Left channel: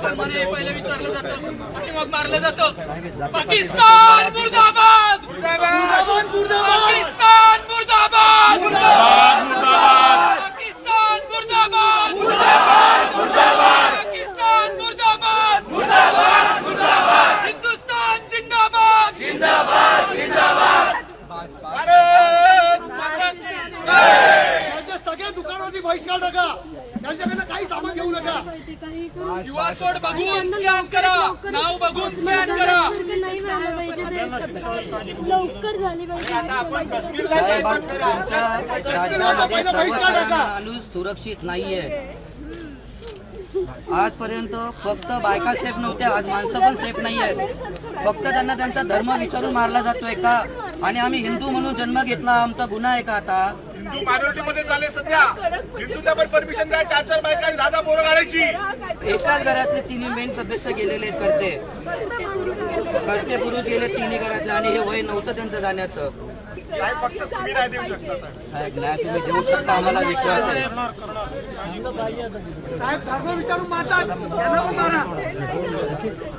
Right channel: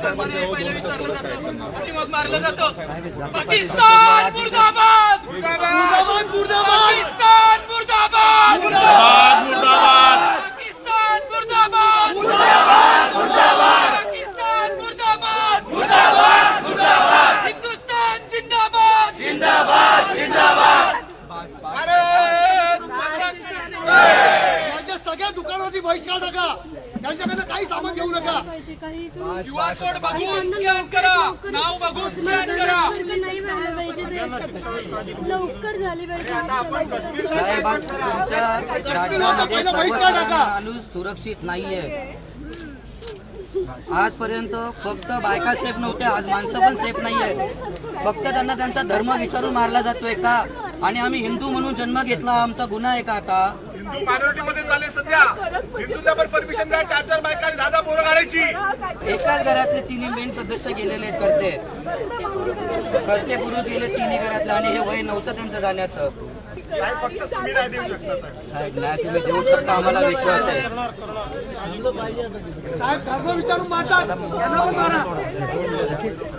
मुसलमान हे पहिले विचारलं जातं आणि मग मारलं जातं. पाकिस्तान मुर्दाबाद, मुर्दाबाद, पाकिस्तान मुर्दाबाद, मुर्दाबाद, मुर्दाबाद, पाकिस्तान मुर्दाबाद, मुर्दाबाद, मुर्दाबाद, पाकिस्तान मुर्दाबाद, मुर्दाबाद, मुर्दाबाद, हिंदुस्तान जिंदाबाद, जिंदाबाद, जिंदाबाद. सगळ्या दुकानावरती बहिष्कार टाका, त्यांच्याकडे काही सामान घेऊ नका. QR कोड बघून स्कॅन करा, नाव बघून स्कॅन करा. नाही व्हायला पाहिजे ते लवकर झाली पाहिजे. राज्यामध्ये सर्व माणूस सुरक्षित नाहीये. आजपर्यंत फक्त बायका सेफ नव्हत्या, आज माणसं पण सेफ नाहीये. फक्त त्यांना त्यांचा धर्म विचारून मारला जातोय का? आणि आम्ही हिंदू म्हणून जन्म घेतला, आमचा गुन्हा आहे का आता? हिंदू मायनॉरिटीमध्ये चालले सध्या. हिंदूला पण परमिशन द्या, 4-4 बायका आणि 10 पोरं काढायची. एकाच घरातले तिन्ही मेन सदस्य गेलेले करते पुरुष गेले तिन्ही घरातले, आणि हे वय नव्हतं त्यांचं जाण्याचं. तुम्ही देऊ शकता, आम्हाला विश्वास आहे. साहेब धर्म विचारून मारतात,